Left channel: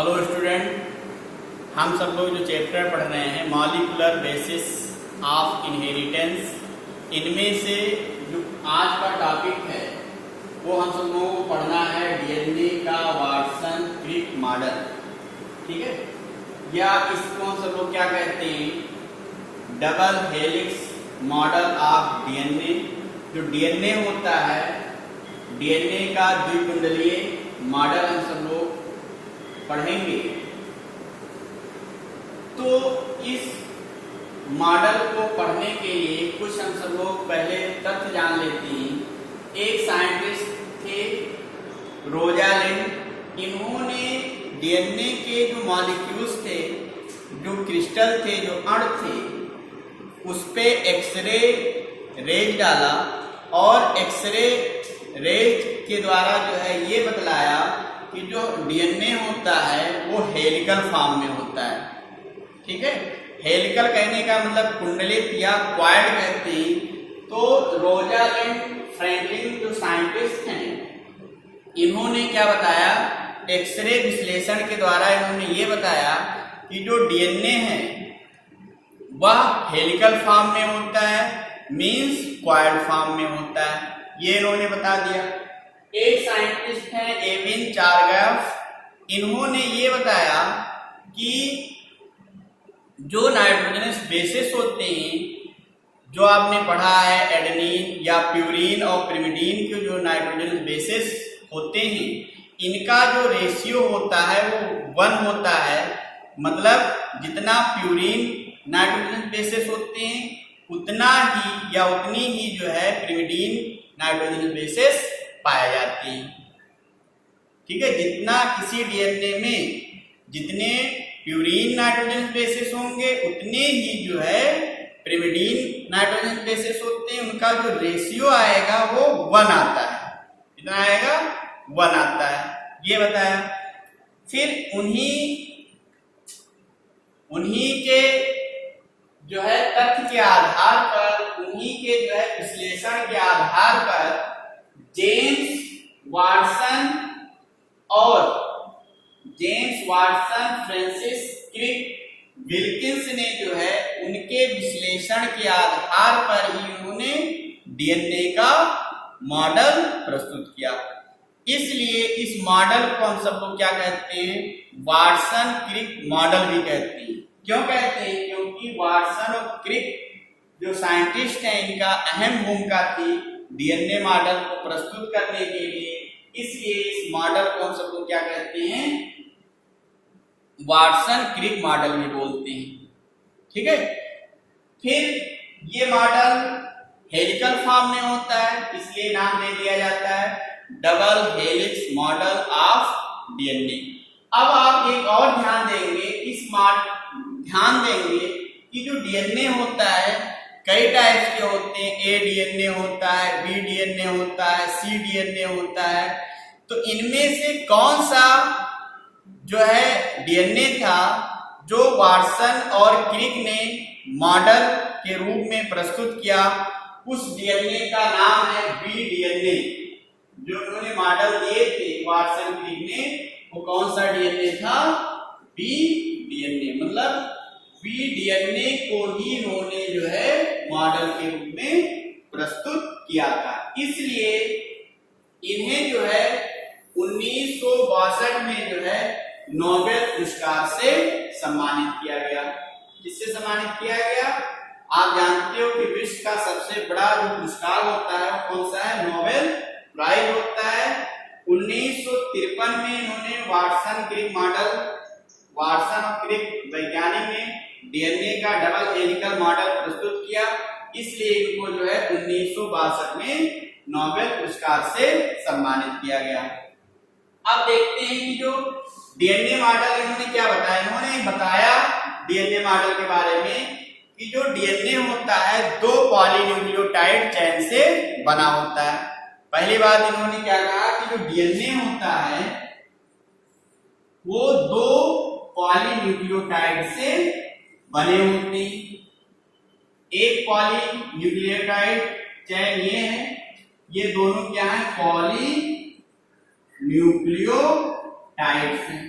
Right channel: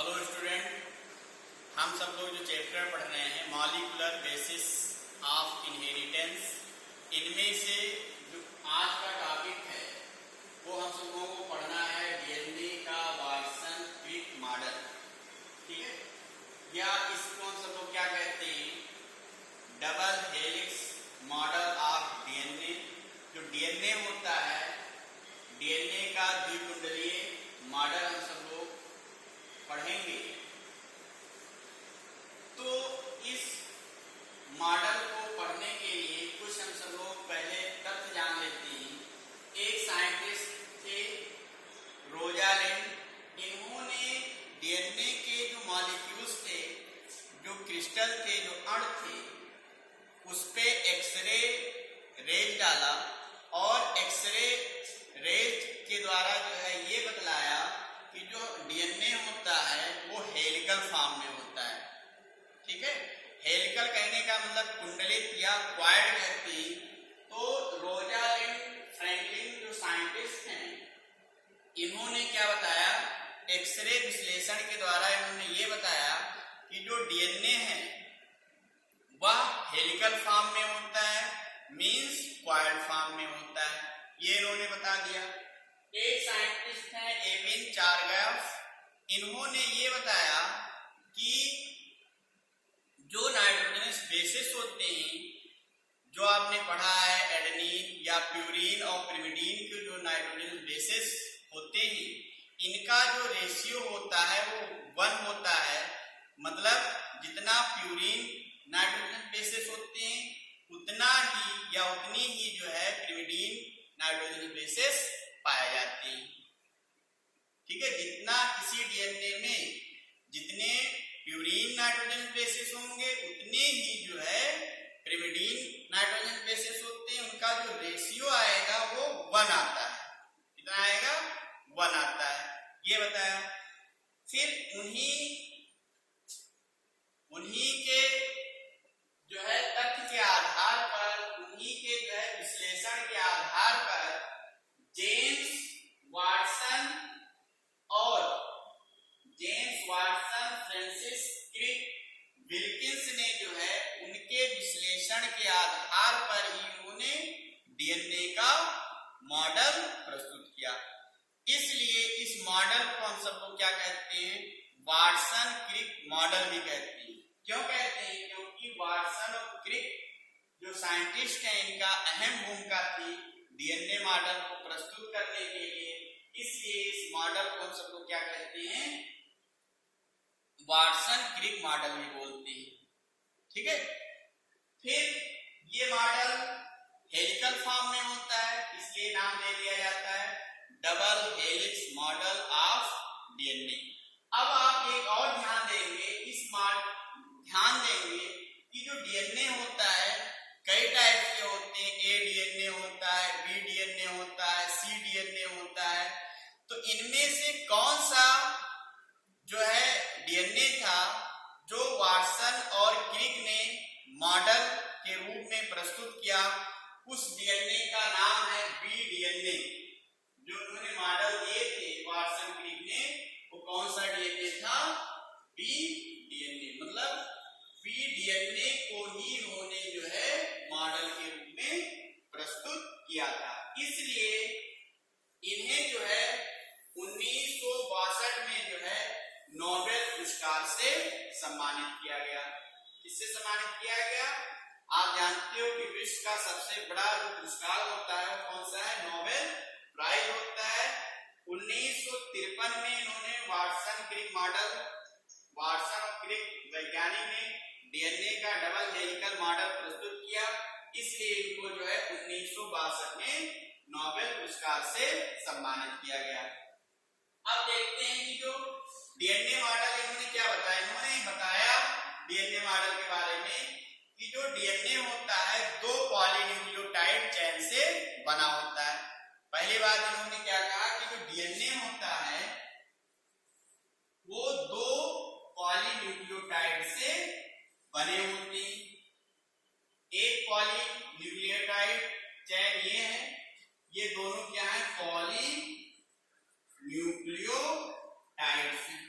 Hello student, हम सब लोग जो चैप्टर पढ़ रहे हैं मॉलिक्यूलर बेसिस ऑफ इनहेरिटेंस, इनमें से जो आज का टॉपिक है वो हम सब लोगों को पढ़ना है डीएनए का वाटसन क्रिक मॉडल। ठीक है, या इसको हम सब लोग क्या कहते हैं, double helix model of DNA. जो डीएनए होता है, डीएनए का द्विकुंडलीय मॉडल हम सब लोग पढ़ेंगे। तो इस मॉडल को पढ़ने के लिए कुछ हम सब लोग पहले तथ्य जान लेते हैं। एक साइंटिस्ट थे रोजालिंड, इन्होंने डीएनए के जो मॉलिक्यूल्स थे, जो क्रिस्टल थे, जो अणु थे, उस पे एक्सरे रेज डाला और एक्सरे रेज के द्वारा जो है ये बतलाया कि जो डीएनए होता है वो हेलिकल फॉर्म में होता है। ठीक है, हेलिकल कहने का मतलब कुंडलित या क्वाइड कहते हैं। तो रोजालिंड फ्रैंकलिन जो साइंटिस्ट हैं, इन्होंने क्या बताया, एक्सरे विश्लेषण के द्वारा इन्होंने ये बताया कि जो डीएनए है वह हेलिकल फॉर्म में होता है, मींस क्वाइड फॉर्म में होता है। ये इन्होंने बता दिया। एक साइंटिस्ट हैं एविन चार्गाफ, इन्होंने ये बताया कि जो नाइट्रोजनस बेसिस होते हैं, जो आपने पढ़ा है एडेनिन या प्यूरिन और पिरिमिडीन के जो नाइट्रोजनस बेसिस होते हैं, इनका जो रेशियो होता है वो 1 होता है। मतलब जितना प्यूरिन नाइट्रोजनस बेसिस होते हैं उतना ही या उतनी ही जो है पिरिमिडीन नाइट्रोजनस बेसिस पाए जाते हैं। ठीक है, जितना किसी डीएनए में जितने प्यूरिन नाइट्रोजन बेसिस होंगे उतने ही जो है पिरिमिडीन नाइट्रोजन बेसिस होते हैं, उनका जो रेशियो आएगा वो 1 आता है। कितना आएगा? 1 आता है, ये बताया। फिर उन्हीं के जो है तथ्य के आधार पर, उन्हीं के जो है विश्लेषण के आधार पर James Watson Francis Crick Wilkins ने जो है उनके विश्लेषण के आधार पर ही उन्होंने डीएनए का मॉडल प्रस्तुत किया। इसलिए इस मॉडल को हम सब लोग क्या कहते हैं, वाटसन क्रिक मॉडल भी कहते हैं। क्यों कहते हैं? क्योंकि वाटसन और क्रिक जो साइंटिस्ट हैं, इनका अहम भूमिका थी डीएनए मॉडल को प्रस्तुत करने के लिए। इसलिए इस मॉडल को हम सब लोग क्या कहते हैं, वाटसन क्रिक मॉडल भी बोलते हैं। ठीक है, फिर ये मॉडल हेलिकल फॉर्म में होता है, इसलिए नाम दे दिया जाता है double helix model of DNA. अब आप एक और ध्यान देंगे कि जो डीएनए होता है कई टाइप्स के होते हैं। ए डीएनए होता है, बी डीएनए होता है, सी डीएनए होता है। तो इनमें से कौन सा जो है डीएनए था जो वाटसन और क्रिक ने मॉडल के रूप में प्रस्तुत किया, उस डीएनए का नाम है बी डीएनए। जो उन्होंने मॉडल दिए थे वाटसन क्रिक ने, वो कौन सा डीएनए था? B DNA. मतलब बी डीएनए को ही इन्होंने जो है मॉडल के रूप में प्रस्तुत किया था। इसलिए इन्हें जो है 1962 में जो है नोबेल पुरस्कार से सम्मानित किया गया। किससे सम्मानित किया गया? आप जानते हो कि विश्व का सबसे बड़ा जो पुरस्कार होता है वो कौन सा है? नोबेल प्राइज होता है। 1953 में इन्होंने वाटसन क्रिक मॉडल, वाटसन और क्रिक वैज्ञानिक ने डीएनए का डबल हेलिकल मॉडल प्रस्तुत किया। इसलिए इनको जो है 1962 में नोबेल पुरस्कार से सम्मानित किया गया। अब देखते हैं कि जो डीएनए मॉडल इन्होंने क्या बताया। इन्होंने बताया डीएनए मॉडल के बारे में कि जो डीएनए होता है 2 पॉलीन्यूक्लियोटाइड चेन से बना होता है। पहली बात इन्होंने क्या कहा कि जो डीएनए होता है वो 2 पॉलीन्यूक्लियोटाइड से बने होते हैं। एक पॉलीन्यूक्लियोटाइड चेन ये है, ये दोनों क्या है? पॉलीन्यूक्लियोटाइड्स हैं।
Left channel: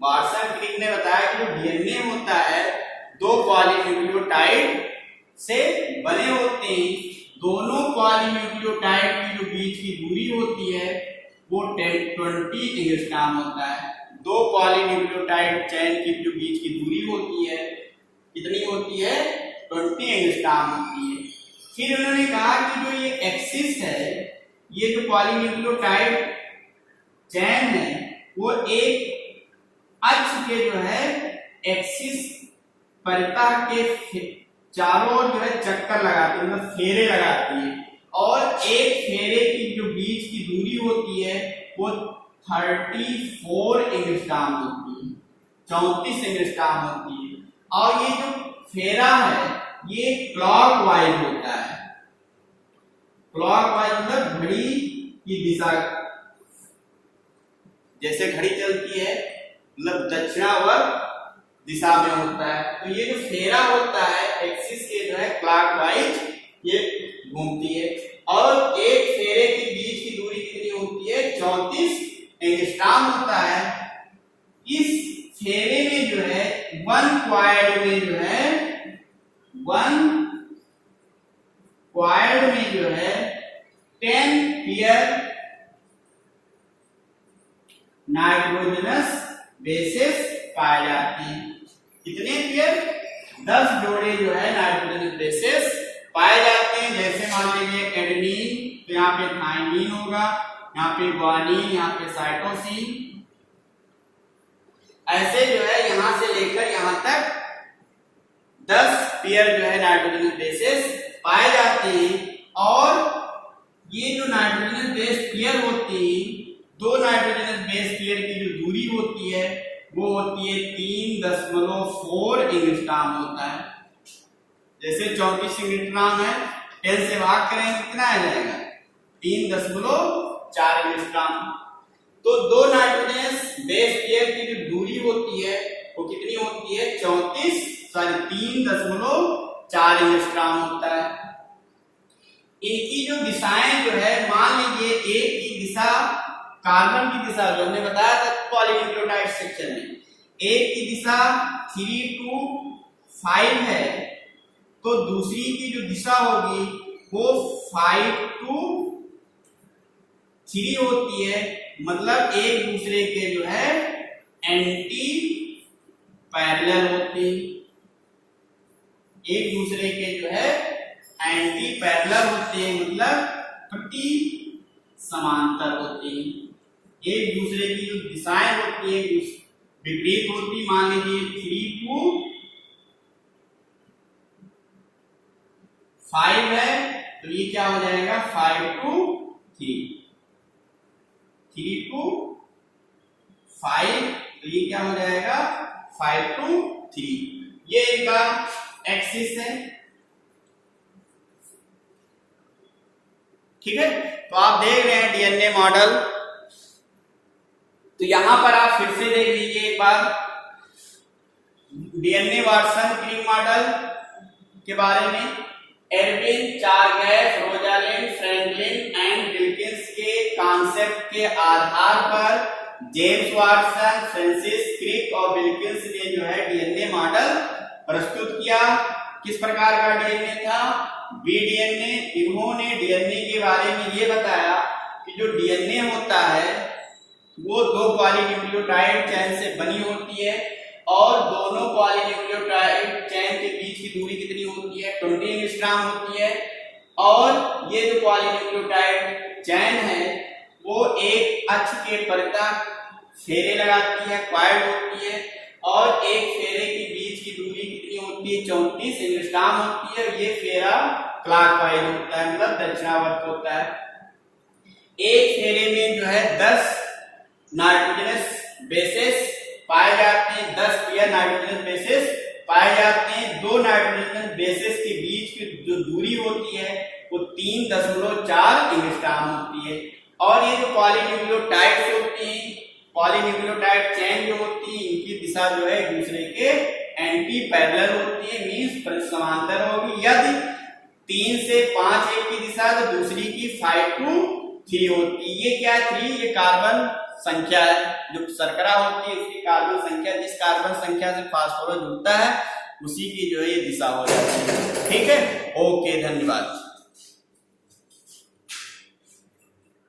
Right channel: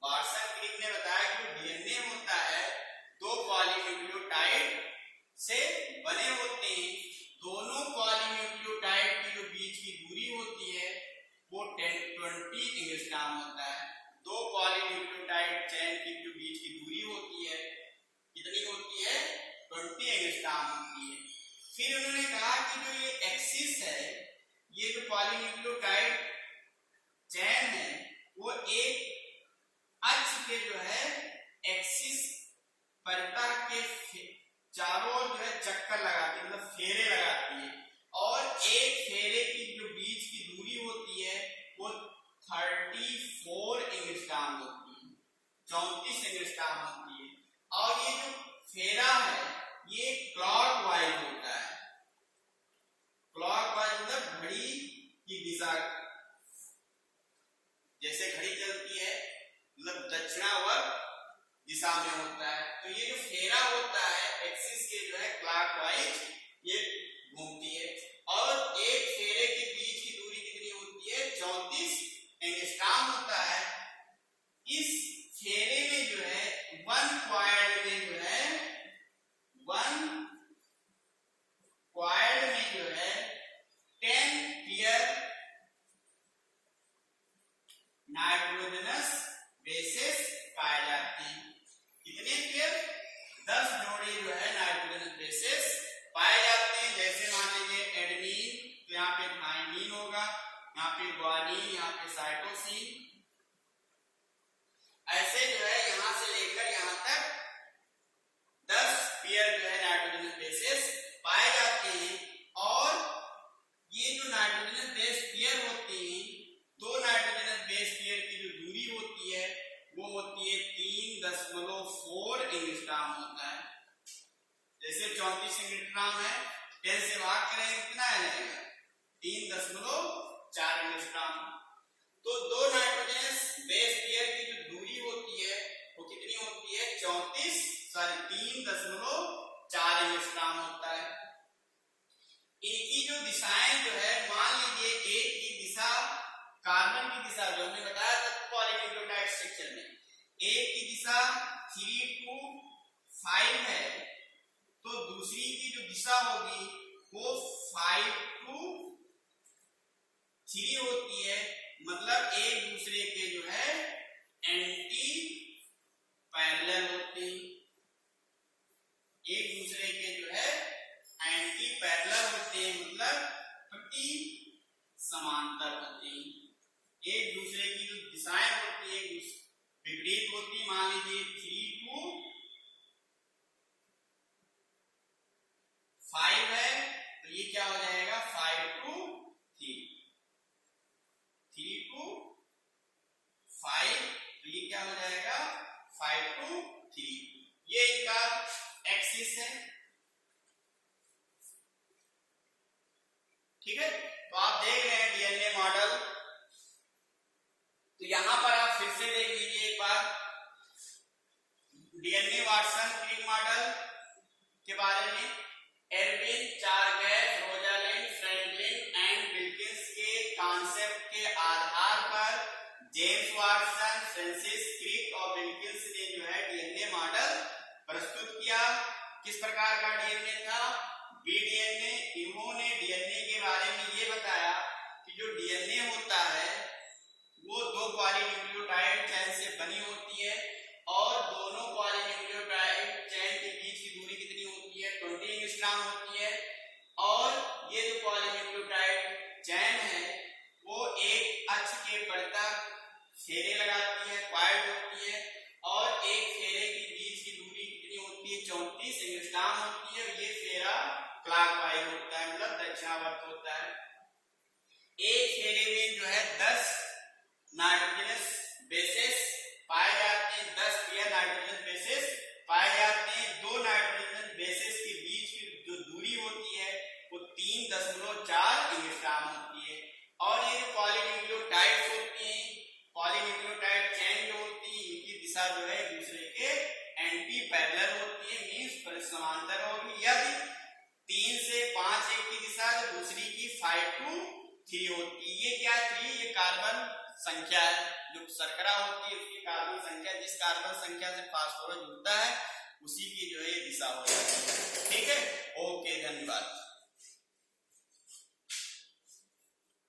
वाटसन क्रिक ने बताया कि जो डीएनए होता है दो पॉलीन्यूक्लियोटाइड से बने होते हैं। दोनों पॉलीन्यूक्लियोटाइड की जो बीच की दूरी होती है वो 20 एंगस्ट्रॉम होता है। दो पॉलीन्यूक्लियोटाइड चेन की जो बीच की दूरी होती है कितनी होती है? 20 एंगस्ट्रॉम होती है। फिर उन्होंने कहा कि जो ये एक्सिस है, ये जो पॉलीन्यूक्लियोटाइड चेन है वो एक अक्ष के जो है एक्सिस परितः के चारों ओर जो है चक्कर लगाती है, मतलब फेरे लगाती है, और एक फेरे की जो बीच की दूरी होती है वो 34 एंगस्ट्रॉम होती है, 34 एंगस्ट्रॉम होती है। और ये जो फेरा है ये क्लॉकवाइज होता है। क्लॉकवाइज मतलब घड़ी की दिशा, जैसे घड़ी चलती है मतलब दक्षिणावर्त दिशा में होता है। तो ये जो फेरा होता है एक्सिस के जो है क्लॉकवाइज ये घूमती है, और एक फेरे के बीच की दूरी कितनी होती है? 34 एंगस्ट्रॉम होता है। इस फेरे में जो है वन क्वाड्र में जो है 10 पेयर नाइट्रोजनस बेसेस पाए जाते हैं। कितने पेयर? 10 जोड़े जो है नाइट्रोजनस बेसेस पाए जाते हैं। जैसे मान लीजिए एडेनिन, तो यहाँ पे थाइमिन होगा, यहाँ पे ग्वानिन, यहाँ पे साइटोसिन, ऐसे जो है यहां से लेकर यहां तक 10 पेयर जो है नाइट्रोजनस बेसेस पाए जाते हैं। और ये जो नाइट्रोजनस बेस पेयर होती है, दो नाइट्रोजनस बेस पेयर की जो दूरी होती है वो होती है 3.4 एंगस्ट्रॉम होता है। जैसे 34 एंगस्ट्रॉम है, 10 से भाग करें कितना आ जाएगा? 3.4 एंगस्ट्रॉम। तो दो नाइट्रोजनस बेस पेयर की जो दूरी होती है वो कितनी होती है? 3.4 एंगस्ट्रॉम होता है। इनकी जो दिशाएं जो है, मान लीजिए एक की दिशा कार्बन की दिशा जो हमने बताया था पॉलीन्यूक्लियोटाइड स्ट्रक्चर में, एक की दिशा 3 to 5 है, तो दूसरी की जो दिशा होगी वो 5 to 3 होती है। मतलब एक दूसरे के जो है एंटी पैरेलल होते हैं, एक दूसरे के जो है एंटी पैरेलल होते हैं, मतलब प्रति समांतर होते हैं। एक दूसरे की जो दिशाएं होती है विपरीत होती। मान लीजिए 3 to 5 है, तो ये क्या हो जाएगा? 5 to 3, 3 to 5, तो ये क्या हो जाएगा? 5 to 3। ये इनका एक्सिस है। ठीक है, तो आप देख रहे हैं डीएनए मॉडल। तो यहां पर आप फिर से देख लीजिए एक बार डीएनए वाटसन क्रिक मॉडल के बारे में। Edwin, Chargaff, Rosalind, Franklin and Wilkins के कॉन्सेप्ट के आधार पर जेम्स वाटसन, फ्रांसिस क्रिक और विल्किंस ने जो है डीएनए मॉडल प्रस्तुत किया। किस प्रकार का डीएनए था? बीडीएनए। इन्होंने डीएनए के बारे में ये बताया कि जो डीएनए होता है वो दो पॉलीन्यूक्लियोटाइड चेन से बनी होती है, और दोनों पॉलीन्यूक्लियोटाइड चेन के बीच की दूरी कितनी होती है? 20 एंगस्ट्रॉम होती है। और ये जो पॉलीन्यूक्लियोटाइड चेन है वो एक अक्ष के परितः फेरे लगाती है, क्वाड होती है, और एक फेरे के बीच की दूरी कितनी होती है? 34 एंगस्ट्रॉम होती है। ये फेरा क्लॉकवाइज होता है, मतलब दक्षिणावर्त होता है। एक फेरे में जो है 10 नाइट्रोजनस बेसेस पाए जाते हैं, 10 पेयर नाइट्रोजनस बेसेस पाए जाते हैं। दो नाइट्रोजनस बेसेस के बीच की जो दूरी होती है वो 3.4 एंगस्ट्रॉम होती है। और ये जो पॉलीन्यूक्लियोटाइड्स होती हैं, पॉलीन्यूक्लियोटाइड चेन जो होती है, इनकी दिशा जो है एक दूसरे के एंटी पैरेलल होती है, मींस समांतर होगी। यदि 3 से 5 एक की दिशा तो दूसरी की 5 to 3 होती है। ये क्या है 3? ये कार्बन संख्या है। जो शर्करा होती है उसकी कार्बन संख्या, जिस कार्बन संख्या से फास्फोरस जुड़ता है उसी की जो है ये दिशा हो जाती है। ठीक है, ओके, धन्यवाद।